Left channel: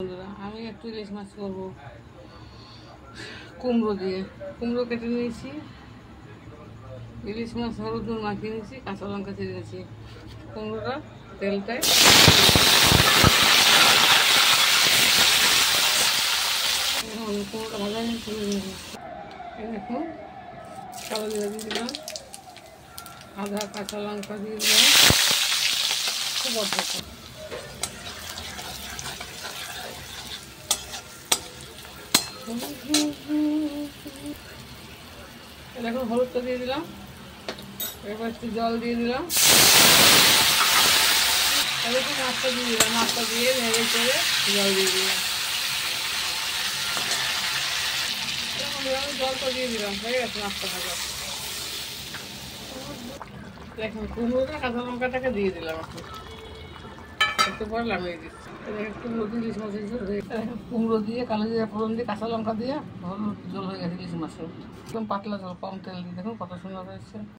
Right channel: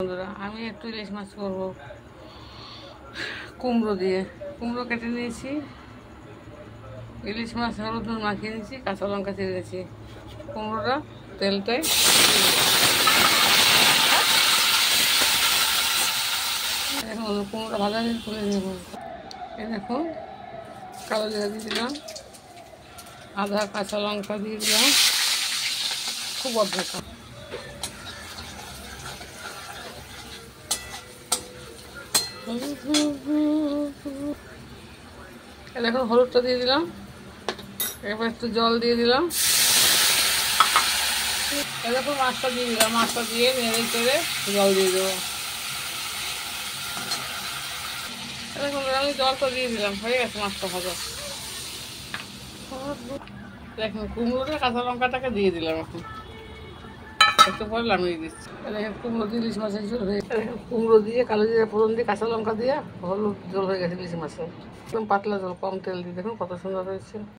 বন্ধুরা, আমি একটু ইলিশ মাছ করবো কুমড়ো দিয়ে। কুমড়ো কেটে নিয়েছি, ইলিশ মাছ হলুদ নুন মাখিয়ে নিয়েছি, কাঁচা লঙ্কা চিড়ে নিয়েছি। কুমড়োটা তেলটাই কুমড়োটা ভাজা নিয়ে তুলে নেব। এই দেখুন, কালো জিরা দিয়ে দিলাম, আদা কাঁচা লঙ্কা দিয়ে দিলাম, খুব অদ্ভুত। এখন হলুদটা দিয়ে দিলাম, এরপর একটু জল দিয়ে দিলাম, এরকম মাছটা দিয়ে দিলাম, মাছটা দিয়ে নেড়ে চেড়ে জল দিয়ে দিলাম। এরকম আমি জলটা দিয়ে দিলাম, হয়ে গেছে মাছটা ভাজা। দেখুন কুমড়োটা কাঁচা লঙ্কাটাকে দিয়ে দিলাম, এখন একটু পরে নামিয়ে দিচ্ছি। দেখেন কুমড়ো দিয়ে ইলিশ মাছের ঝোল হয়ে গেছে। কুমড়ো দিয়ে কালো জিরা ফোড়ন দিয়ে কাঁচা লঙ্কা দিয়ে হলুদ জল হয়ে গেছে ইলিশ মাছের। একদম পাতলা জল, কম তেল দিয়ে দেখুন কত সুন্দর হয়েছে।